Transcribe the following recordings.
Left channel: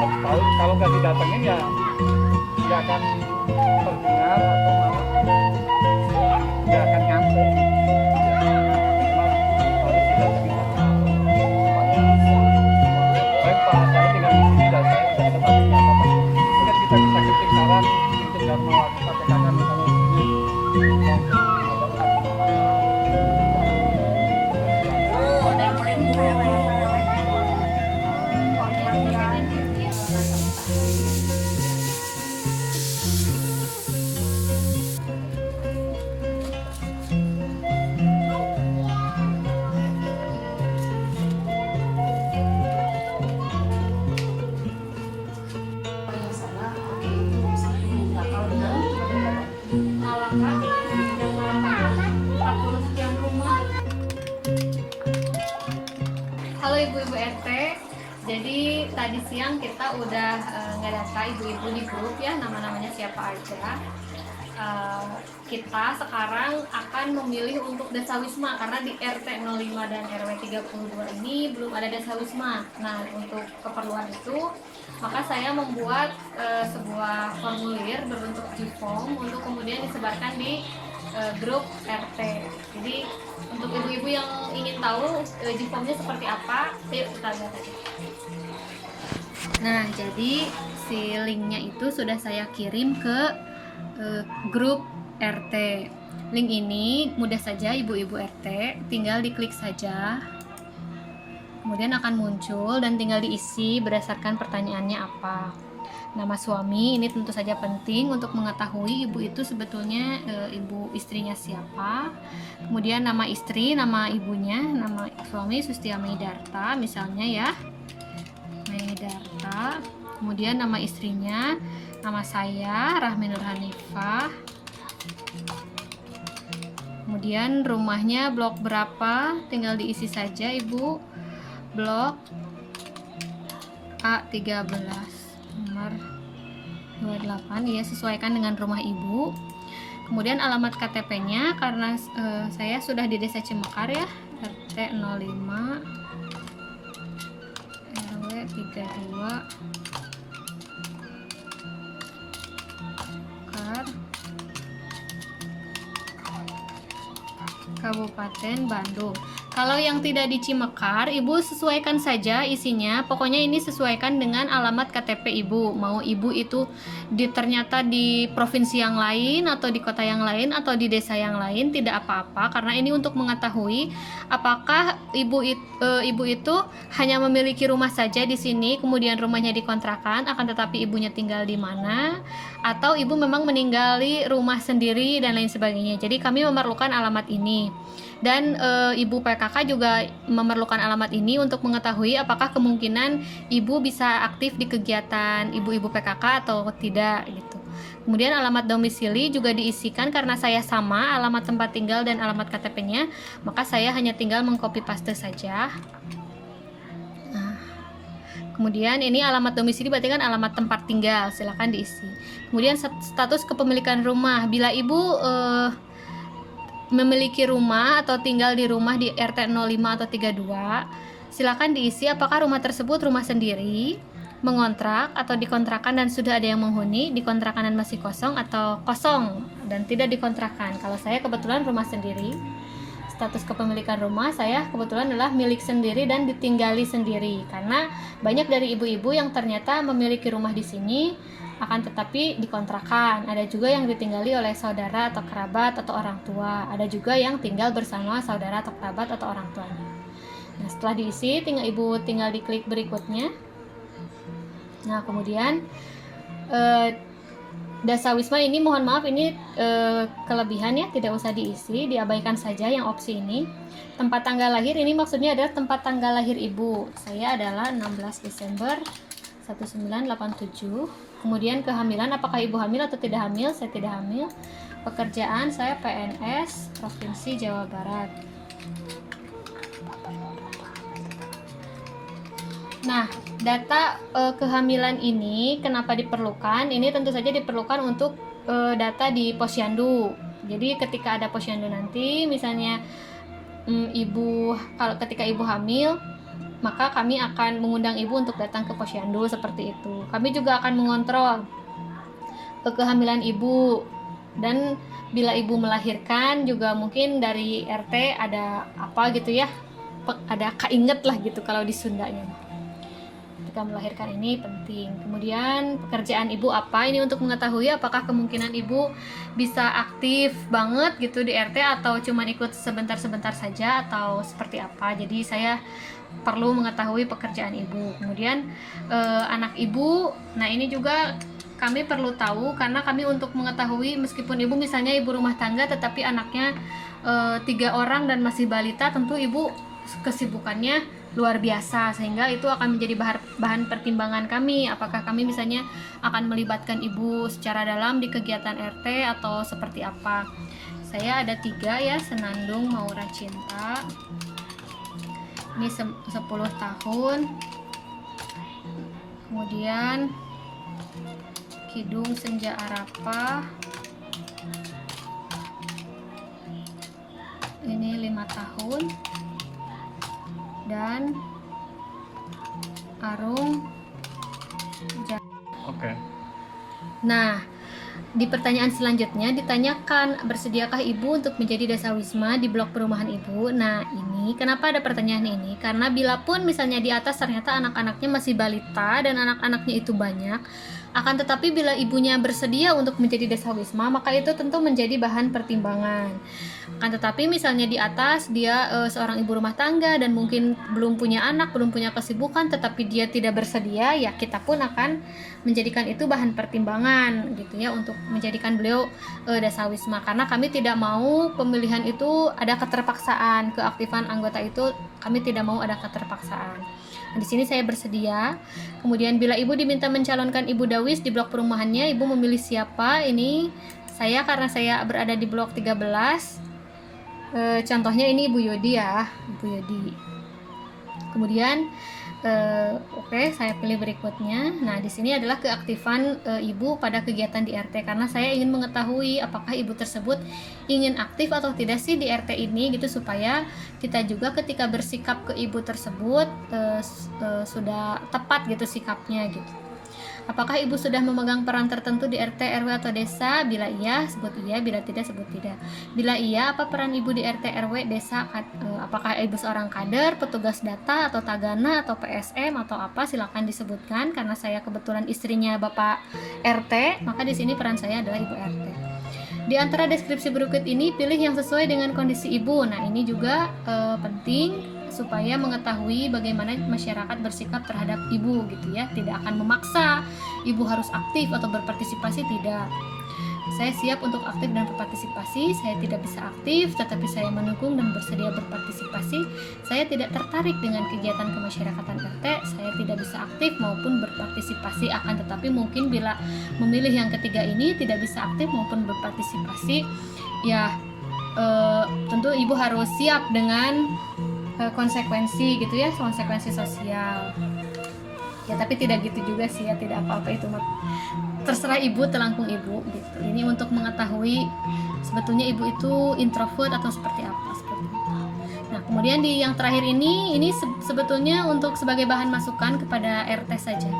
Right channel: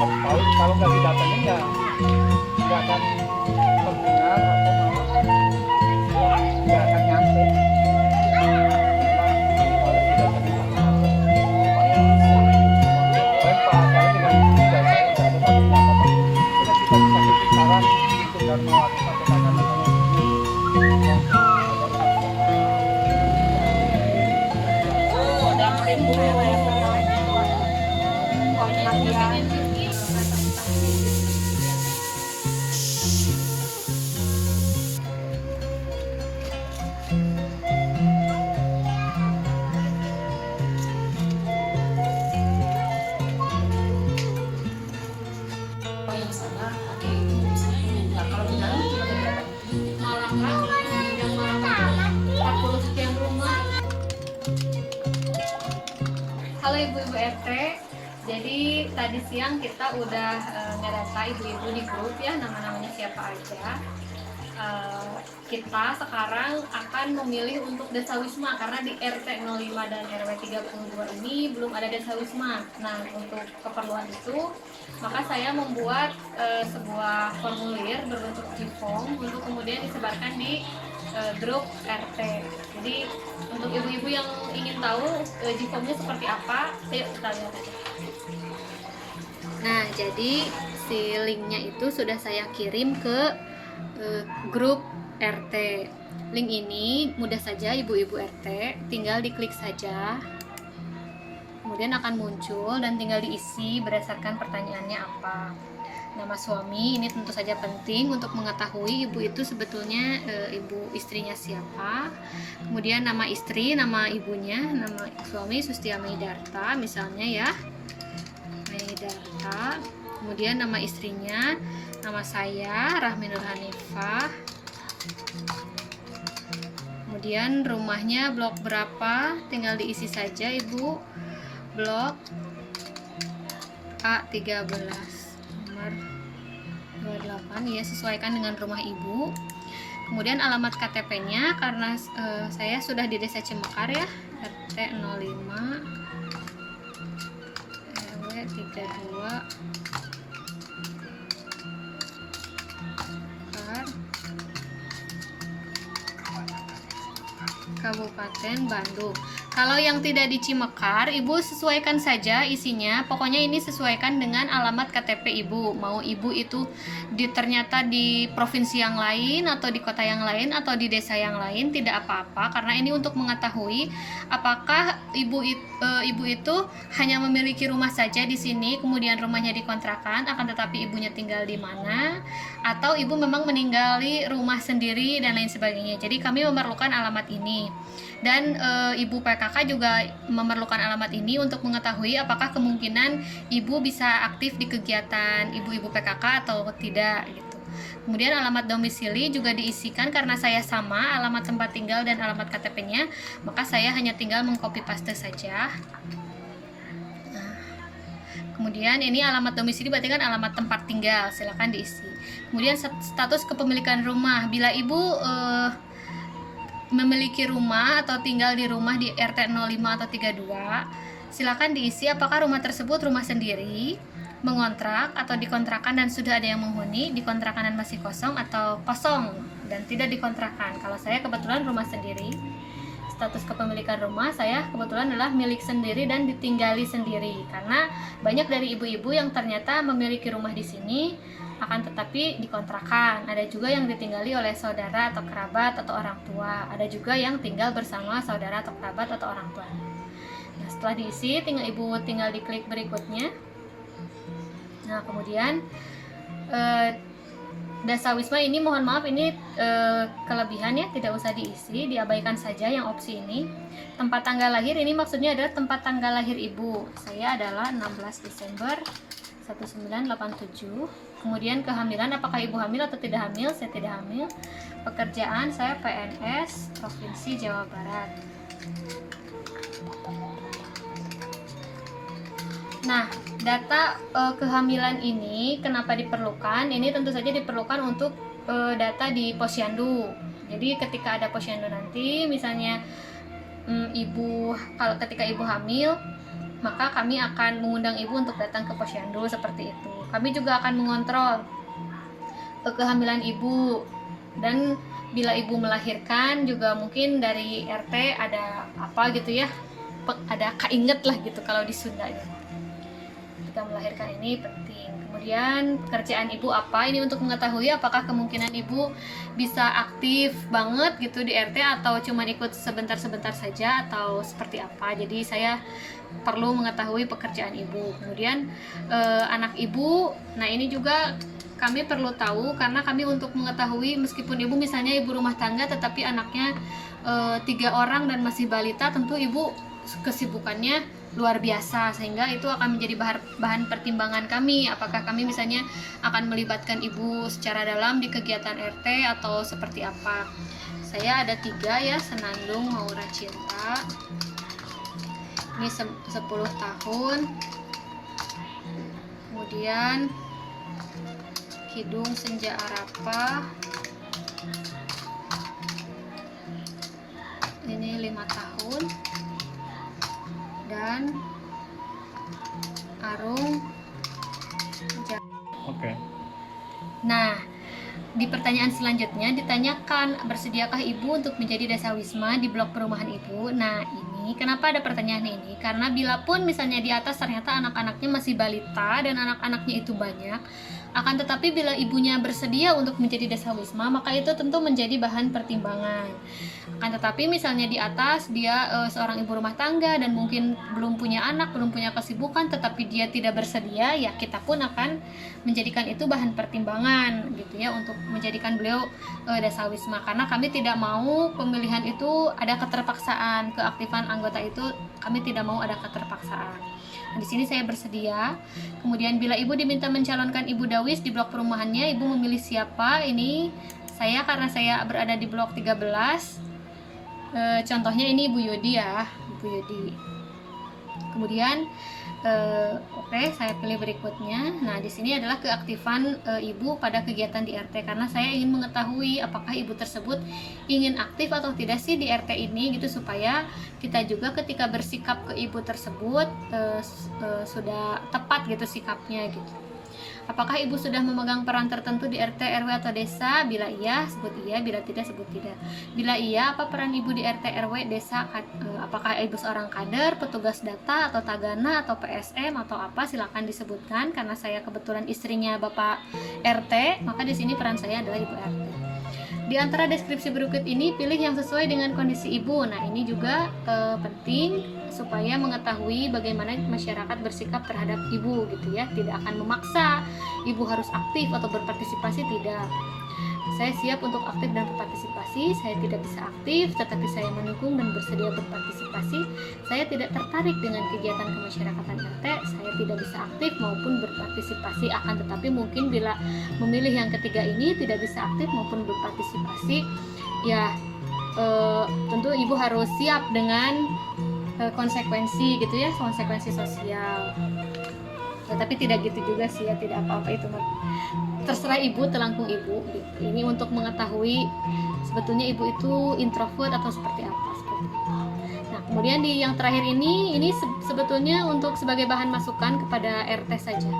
harus tahu. Kalau nggak didatengin ya nggak akan terdengar atau malah nggak akan nyampe. Memang harus didatengin satu-satu supaya Pak saya tinggal di sini dan saya nggak ada tadinya apa-apa. Mungkin kita bisa kritik saran untuk Dharma Wanita PKK misalnya ini Halo ibu-ibu RT, jadi tadi siang kita udah ngedata ibu-ibu di grup ya, nama-namanya siapa aja. Kita sekarang akan memilih untuk desa wisma karena di RT 05 dan RW 32 ini belum ada desa wisma. Nah, untuk keperluan itu maka saya membuat sebuah formulir berbentuk G-form untuk kemudian disebarkan di grup RT. Jadi untuk ibu-ibu yang ingin tahu G-formnya seperti apa, yuk kita lihat aja. Nah, jadi si linknya itu sudah saya kirim ke grup RT. Link ini mudah saja ibu-ibu RT tinggal diklik saja, kemudian akan muncul dan tinggal diisi berdasarkan pertanyaannya apa. Nama suami ini tentu saja penting untuk mengetahui ibu itu sebetulnya ibu istrinya siapa. Kemudian nama istri, nama ibunya, nama suami Sustia Meidarta misalnya ya, Meidarta. Kemudian nama istrinya, nama saya Rahmi Nur Hanifah. Kemudian rumahnya blok berapa, tinggal diisi saja ibu. Blok A13 nomor 28 ya, sesuaikan dengan rumah ibu. Kemudian alamat KTP-nya karena saya sudah di Desa Cimekar ya, RT 05 RW 32 Kabupaten Bandung. Kalau yang tidak di Cimekar, ibu sesuaikan saja isinya. Pokoknya ini sesuaikan dengan alamat KTP ibu. Mau ibu itu ternyata di provinsi yang lain atau di kota yang lain atau di desa yang lain, tidak apa-apa. Karena ini untuk mengetahui apakah ibu itu hanya memiliki rumah saja di sini, kemudian rumahnya dikontrakan, akan tetapi ibunya tinggal di mana, atau ibu memang meninggali rumah sendiri dan lain sebagainya. Jadi kami memerlukan alamat ini. Dan ibu PKK juga memerlukan alamat ini untuk mengetahui apakah kemungkinan ibu bisa aktif di kegiatan ibu-ibu PKK atau tidak gitu. Kemudian alamat domisili juga diisikan karena saya sama alamat tempat tinggal dan alamat KTP-nya, maka saya hanya tinggal mengcopy paste saja. Nah, kemudian ini alamat domisili berarti kan alamat tempat tinggal, silakan diisi. Kemudian status kepemilikan rumah, bila ibu memiliki rumah atau tinggal di rumah di RT 05 atau 32, silakan diisi apakah rumah tersebut rumah sendiri, mengontrak atau dikontrakan dan sudah ada yang menghuni, dikontrakan dan masih kosong atau kosong dan tidak dikontrakan. Kalau saya kebetulan rumah sendiri. Status kepemilikan rumah saya kebetulan adalah milik sendiri dan ditinggali sendiri, karena banyak dari ibu-ibu yang ternyata memiliki rumah di sini akan tetapi dikontrakan. Ada juga yang ditinggali oleh saudara atau kerabat atau orang tua. Ada juga yang tinggal bersama saudara atau kerabat atau orang tuanya. Nah, setelah diisi, ibu tinggal diklik berikutnya. Nah, kemudian Dasa Wisma ini mohon maaf ini kelebihan ya, tidak usah diisi, diabaikan saja yang opsi ini. Tempat tanggal lahir ini maksudnya adalah tempat tanggal lahir ibu. Saya adalah 16 Desember 1987. Kemudian kehamilan, apakah ibu hamil atau tidak hamil? Saya tidak hamil. Pekerjaan saya PNS Provinsi Jawa Barat. Nah, data kehamilan ini kenapa diperlukan? Ini tentu saja diperlukan untuk data di posyandu. Jadi ketika ada posyandu nanti, misalnya ketika ibu hamil, maka kami akan mengundang ibu untuk datang ke posyandu seperti itu. Kami juga akan mengontrol kehamilan ibu, dan bila ibu melahirkan juga mungkin dari RT ada apa gitu ya, ada keinget lah gitu kalau di Sundanya. Ketika melahirkan ini penting. Kemudian pekerjaan ibu apa, ini untuk mengetahui apakah kemungkinan ibu bisa aktif banget gitu di RT atau cuman ikut sebentar-sebentar saja atau seperti apa. Jadi saya perlu mengetahui pekerjaan ibu. Kemudian anak ibu, nah ini juga kami perlu tahu, karena kami untuk mengetahui meskipun ibu misalnya ibu rumah tangga tetapi anaknya 3 orang dan masih balita, tentu ibu kesibukannya luar biasa, sehingga itu akan menjadi bahan pertimbangan kami, apakah kami misalnya akan melibatkan ibu secara dalam di kegiatan RT atau seperti apa. Saya ada 3 ya, Senandung Maura Cinta, ini 10 tahun, kemudian Kidung Senja Arapa, ini 5 tahun, dan Arung Oke. Nah, di pertanyaan selanjutnya ditanyakan, bersediakah ibu untuk menjadi dasawisma di blok perumahan ibu? Nah, ini kenapa ada pertanyaan ini? Karena bila pun misalnya di atas ternyata anak-anaknya masih balita dan anak-anaknya itu banyak, akan tetapi bila ibunya bersedia untuk menjadi dasawisma, maka itu tentu menjadi bahan pertimbangan. Akan tetapi misalnya di atas dia seorang ibu rumah tangga dan mungkin belum punya anak, belum punya kesibukan, tetapi dia tidak bersedia, ya kita pun akan menjadikan itu bahan pertimbangan gitu ya, untuk menjadikan beliau dasawisma, karena kami tidak mau pemilihan itu ada keterpaksaan, keaktifan anggota itu kami tidak mau ada keterpaksaan. Nah, di sini saya bersedia. Kemudian bila ibu diminta mencalonkan ibu dawis di blok perumahannya, ibu memilih siapa? Ini saya, karena saya berada di blok 13. Contohnya ini Ibu Yodi ya, Ibu Yodi. Kemudian oke, saya pilih berikutnya. Nah, di sini adalah keaktifan ibu pada kegiatan di RT, karena saya ingin mengetahui apakah ibu tersebut ingin aktif atau tidak sih di RT ini gitu, supaya kita juga ketika bersikap ke ibu tersebut sudah tepat gitu sikapnya gitu. Apakah ibu sudah memegang peran tertentu di RT, RW atau desa? Bila iya, sebut iya. Bila tidak, sebut tidak. Bila iya, apa peran ibu di RT, RW, desa? Apakah ibu seorang kader, petugas data, atau tagana, atau PSM, atau apa? Silakan disebutkan. Karena saya kebetulan istrinya Bapak RT, maka di sini peran saya adalah ibu RT. Di antara deskripsi berikut ini, pilih yang sesuai dengan kondisi ibu. Nah, ini juga penting supaya mengetahui bagaimana masyarakat bersikap terhadap ibu gitu ya. Tidak akan memaksa ibu harus aktif atau berpartisipasi, tidak. Saya siap untuk aktif dan berpartisipasi. Saya tidak bisa aktif, tetapi saya mendukung dan bersedia berpartisipasi. Saya tidak tertarik dengan kegiatan kemasyarakatan RT. Saya tidak bisa aktif maupun berpartisipasi. Akan tetapi mungkin bila memilih yang ketiga ini, tidak bisa aktif maupun berpartisipasi, ya tentu ibu harus siap dengan konsekuensi gitu ya, konsekuensi sosial. Ya, tapi tidak gitu juga sih ya, tidak apa-apa, itu terserah ibu, terangkum ibu gitu. Ini untuk mengetahui sebetulnya ibu itu introvert atau seperti apa, seperti itu. Nah, kemudian di yang terakhir ini sebetulnya untuk sebagai bahan masukan kepada RT saja.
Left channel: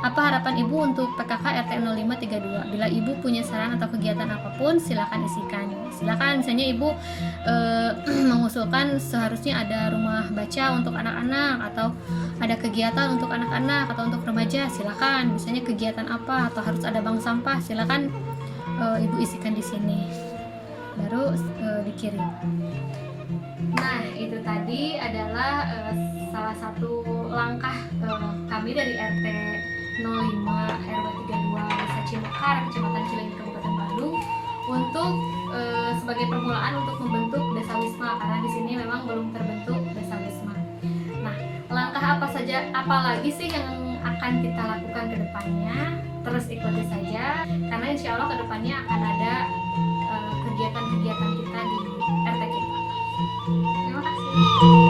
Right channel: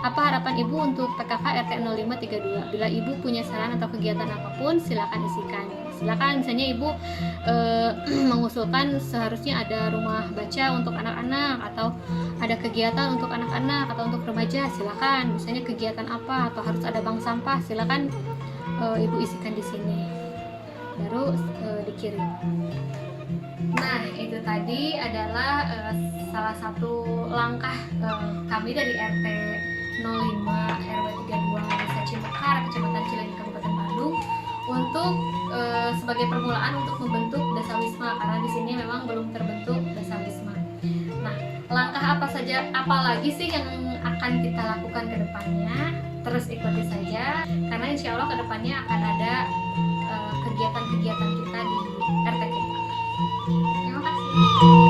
Apa harapan ibu untuk PKK RT 0532? Bila ibu punya saran atau kegiatan apapun, silakan isikan. Silakan, misalnya ibu mengusulkan seharusnya ada rumah baca untuk anak-anak, atau ada kegiatan untuk anak-anak atau untuk remaja, silakan. Misalnya kegiatan apa, atau harus ada bank sampah, silakan ibu isikan di sini, baru dikirim. Nah, itu tadi adalah salah satu langkah kami dari RT 05 RW 32 Desa Cimekar, Kecamatan Cileunyi, Kabupaten Bandung, untuk sebagai permulaan untuk membentuk Dasawisma, karena di sini memang belum terbentuk Dasawisma. Nah, langkah apa lagi sih yang akan kita lakukan ke depannya? Terus ikuti saja, karena insya Allah ke depannya akan ada kegiatan-kegiatan kita di RT kita. Terima kasih.